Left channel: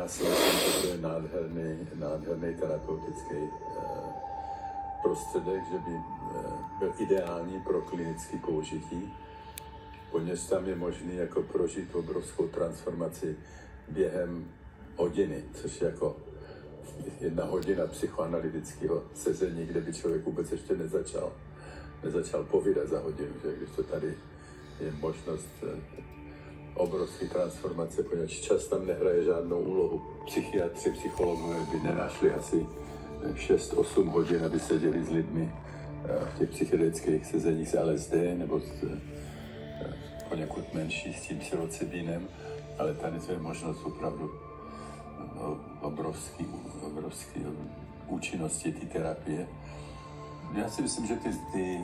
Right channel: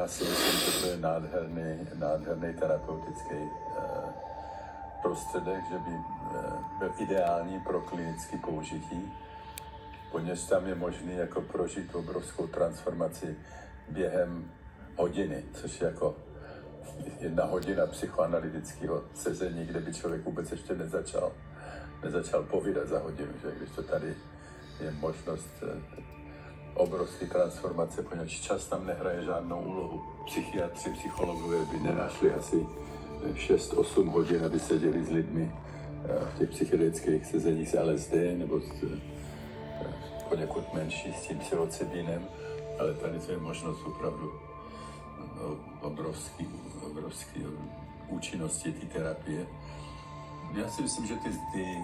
Já si myslím, že to je nádherný terapeutický prostředek, že by byl ideální pro klinické použití, poněž tam je možný jako prožít obrovskou transformaci během hodiny, což je jako 1 hodina psychoanalytického sezení, kde by člověk vůbec ještě nezačal povídat za hodinu, že když to tady je možnost obrovské transformace, poněvadž čas tam nehraje žádnou úlohu. Psychiatři, psychologové by nenasli asi 6-8 hodin, aby seděli s lidmi v těch psychedelických sezeních s LSD nebo poněkud menší s tím psilocybinem, ale tady to je možnost opravdu obrovský účinnosti té terapie. Já si myslím, že ty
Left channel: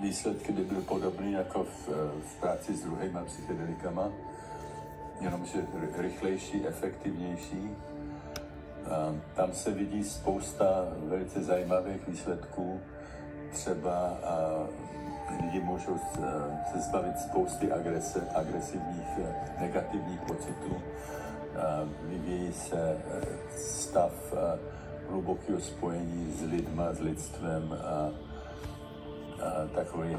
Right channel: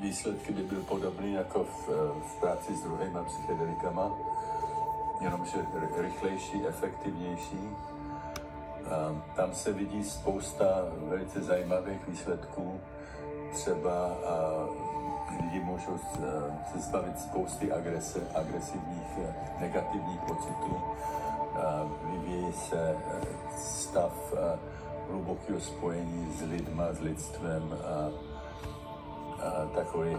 výsledky by byly podobné jako v práci s druhýma psychedelikama, jenomže rychlejší, efektivnější. Tam se vidí spousta velice zajímavých výsledků. Třeba lidi můžou se zbavit spousty agresivních, negativních pocitů. Vyvíjí se stav hlubokého spojení s lidma, s lidstvem a takový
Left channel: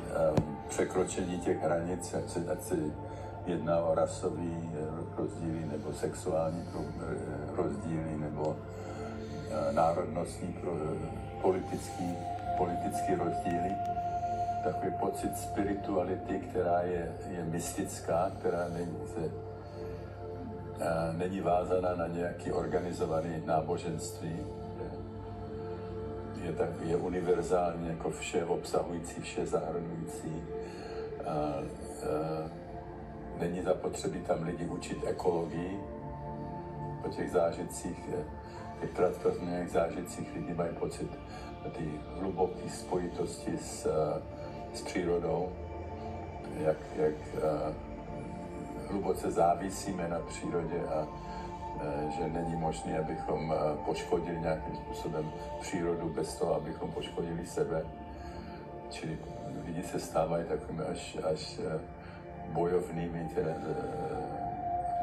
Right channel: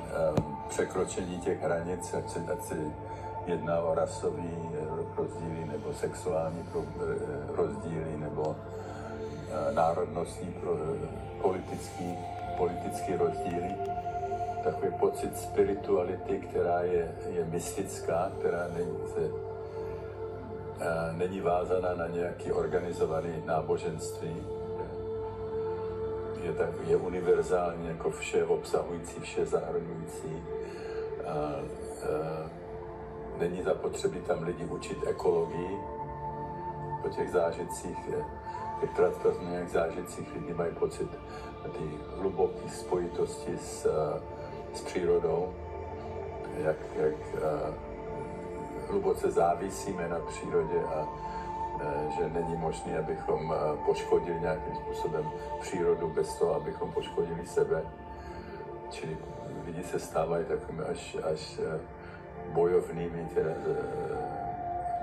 překročení těch hranic, ať se jedná o rasový rozdíly nebo sexuální rozdíly nebo národnostní politický rozdíly. Takový pocit spirituality, která je mystická, která není vázaná na nějaké organizované náboženství. Je univerzální, jako vše obsahující, vše zahrnující. Není zapotřebí tam lidi učit ekologii. Po těch zážitcích, těch transformovaných zážitcích lidi mají pocit ty hluboké spojitosti s přírodou, jak hluboce závisíme na přírodě a že není možné, abychom poškodili nějakým způsobem přírodu bez toho, abychom poškodili sebe. Čili lidi se stávají takovými až bojovnými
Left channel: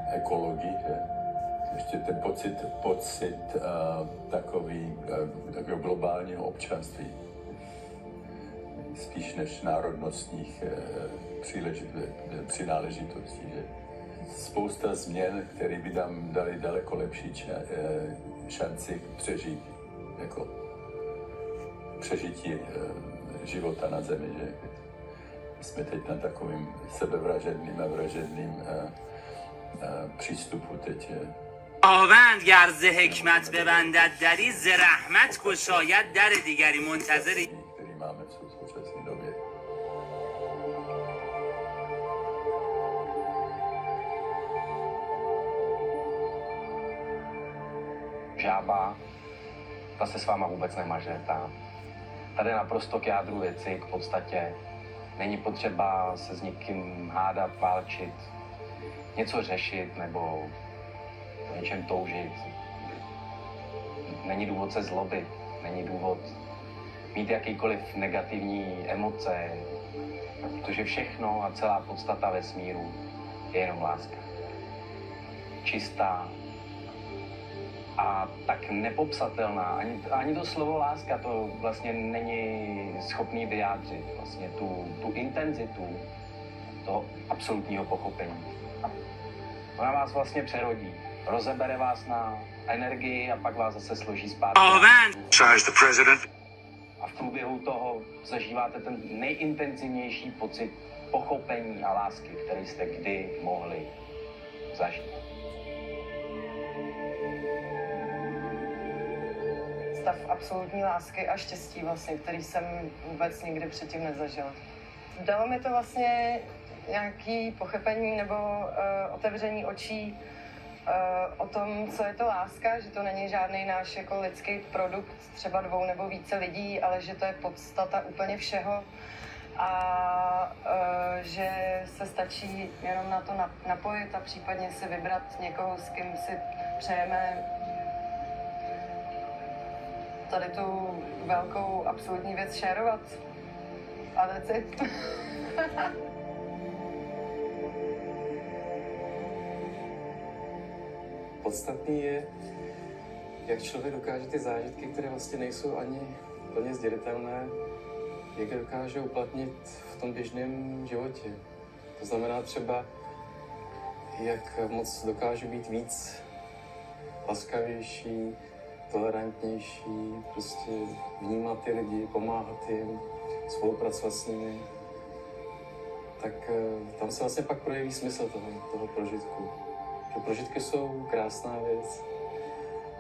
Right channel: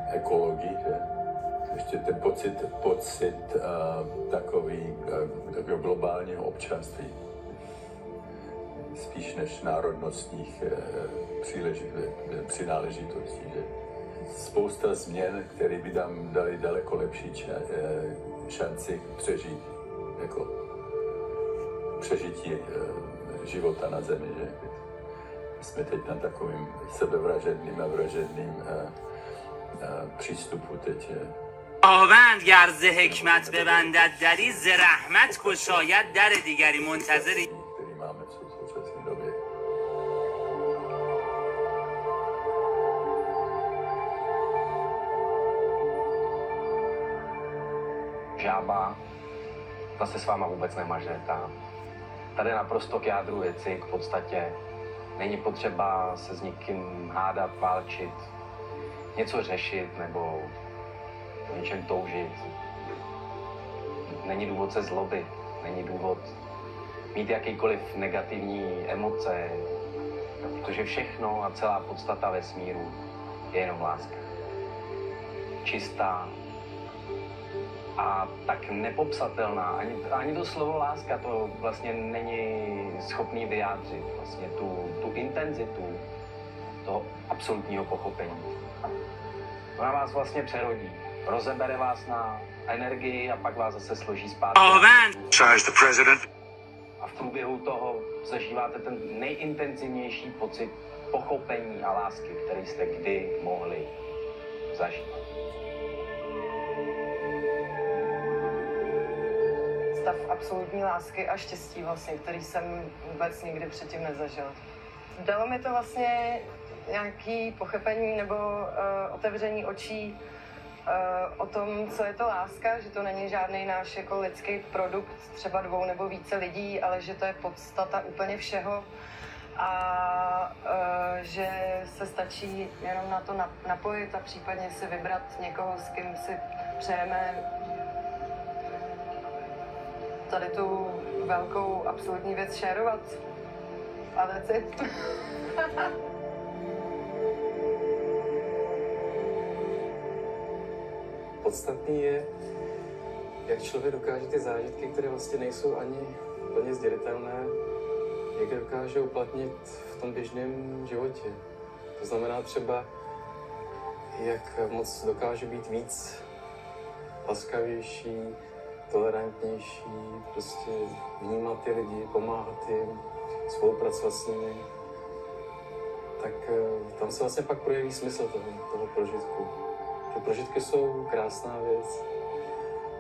ekologii. Ještě ten pocit takového globálního občanství, spíš než národnostních přináležitostí. Spousta změn, které by nám dali daleko lepší šanci přežít, jako přežití života na Zemi. Že? Jsme teď na takovým sebevražedným a vražedným přístupu teď. خداوند گر ز حکمت ببندد دری ز رحمت گشاید در دیگری منتظری. Který máme v současné době. Žába, ta se s váma vůbec nemažretá. Tady je naprosto k jádru věci, k podstatě. Není potřeba se s nikým hádat, válčit, něco řešit nebo o něčem toužit. Není důvod se zlobit, není důvod mít jakýkoliv negativní emoce, protože všechno a celá podstata vesmíru je jenom láska. Čistá a tak nepopsatelná. Ani to slovo láska to vlastně není schopný vyjádřit. Vlastně tu intenzitu toho absolutního pochopení. Ona vás vlastně přerodí. Rozebere vás na energii a pak vás zase složí zpátky. A v průběhu toho zažíváte ten nejintenzivnější pocit pochopení a lásky, který jste kdy mohli zažít. Stav absolutní lásky a štěstí vlastně, který jsem vůbec nikdy předtím nezažil. Dalo mi to vlastně nějaké pochopení nebo otevření očí o tom, co je to láska, že to není žádný náš jako lidský produkt třeba 2 nebo více lidí, ale že to je podstata úplně všeho a že se stačí jenom na to napojit a případně si vybrat někoho, s kým si přejeme tady tu velkou absolutní věc šerovat. A věci. podstatný je, jak člověk dokáže ty zážitky, které vlastně nejsou ani plně sdělitelné, jak je dokáže uplatnit v tom běžném životě. To znamená třeba, jak moc dokáže být víc laskavější, tolerantnější, prostě vnímat ty lidi, pomáhat jim, spolupracovat s nimi, tak tam se vlastně pak projeví smysl toho prožitku. Ty prožitky jsou krásná věc.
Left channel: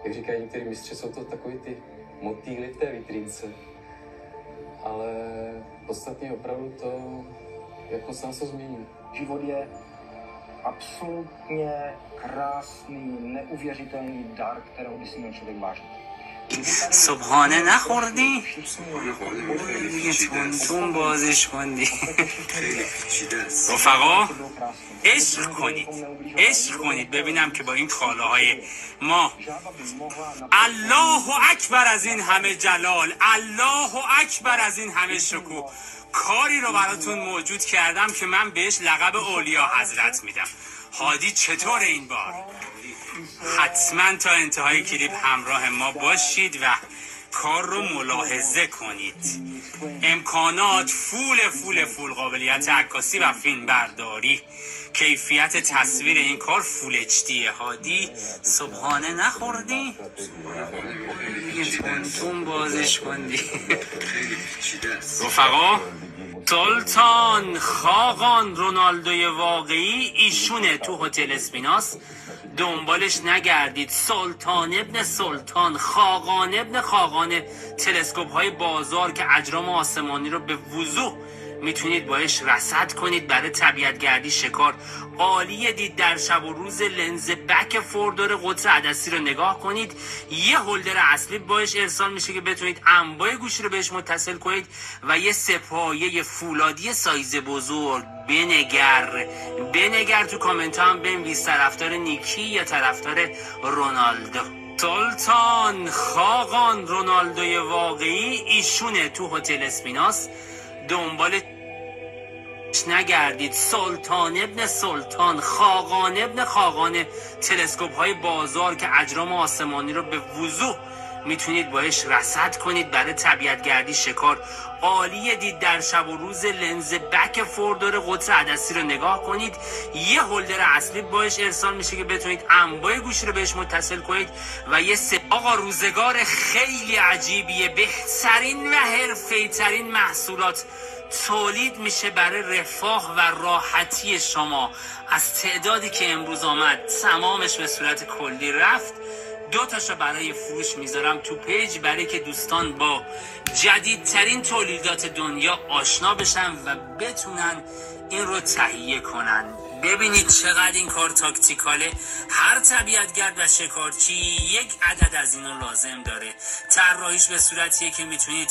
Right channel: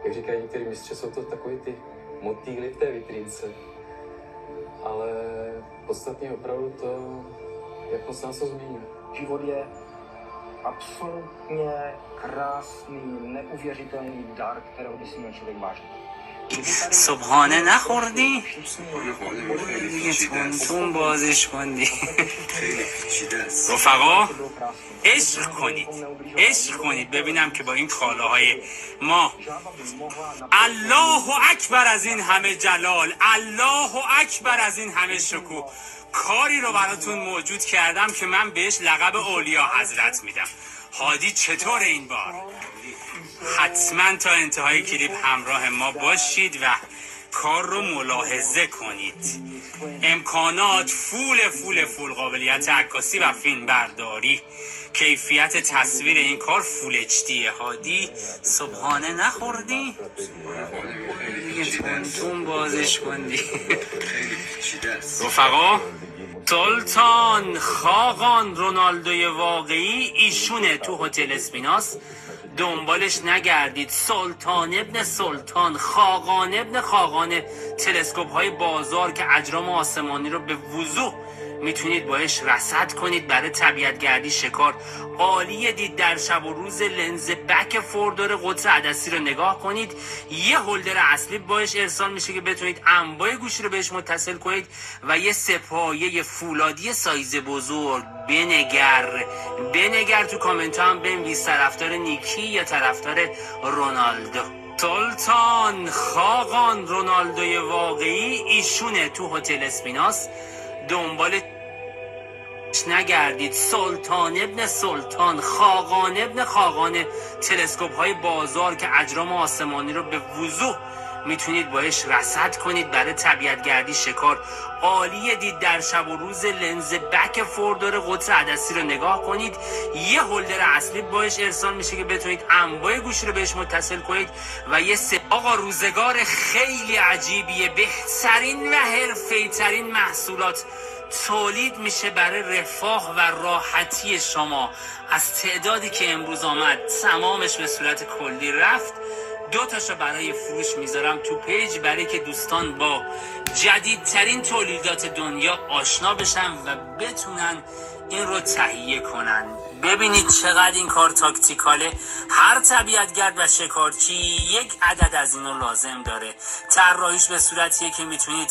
Jak říkají některý mistři, jsou to takový ty motýly v té vitrínce. Ale podstatně opravdu to, jak moc se nás to změní. Život je absolutně krásný, neuvěřitelný dar, kterého by si měl člověk vážit. صبحانه نخوردی؟ دیگه تون بازش کندی. رفقا عشق کنید ببینم که با این کالاهای ما الله اکبر از این همه جلال، الله اکبر از این همه شکوه، کاری رو براتون موجود کردم که من بهش لقب اولیا حضرت میدم. هادی چطور این بار؟ حتما تا انتهای کلیپ همراه ما باشید و کار رو ملاحظه کنید. امکانات فول قابلیت عکاسی و فیلم برداری، کیفیت تصویر این کار فول اچ دی. هادی صبحانه نخوردی؟ تون بازش کندی. رفقا سلطان خاقان رونالدوی واقعی ایشونه تو هتل اسپیناس، دنبالش نگردید. سلطان ابن سلطان، خاقان ابن خاقان، تلسکوپ های بازار که اجرام آسمانی رو به وضوح میتونید باش رصد کنید برای طبیعتگردی شکار. عالیه. دید در شب و روز لنز بک فوردور قطر عدسی رو نگاه کنید. یه هولدر اصلی باش ارسال میشه که بتونید انواع گوشی رو بهش متصل کنید و یه سپایه فولادی سایز بزرگ. بنگر تو کامنت هم بنویس طرفدار نیکی یا طرفدار رونالدو. سلطان خاقان رونالدوی واقعی ایشونه تو هتل اسپیناس، دنبال نگردید. سلطان ابن سلطان، خاقان ابن خاقان، تلسکوپ های بازار که اجرام آسمانی رو به وضوح میتونید باش رصد کنید برای طبیعتگردی شکار. عالیه. دید در شب و روز لنز بک فوردور قطر عدسی رو نگاه کنید. یه هولدر اصلی باش ارسال میشه که بتونید انواع گوشی رو بهش متصل کنید و یه آقا روزگار خیلی عجیبیه. بهترین و حرفه‌ای ترین محصولات تولید میشه برای رفاه و راحتی شما. از تعدادی که امروز آمد تمامش به صورت کلی رفت. 2 تاشو برای فروش میذارم تو پیج برای که دوستان با جدیدترین تولیدات دنیا آشنا بشن و بتونن این رو تهیه کنن. ببینید چقدر این کار تاکتیکاله. هر طبیعتگرد و شکارچی یک عدد از اینو لازم داره. طراحیش به صورتیه که میتونید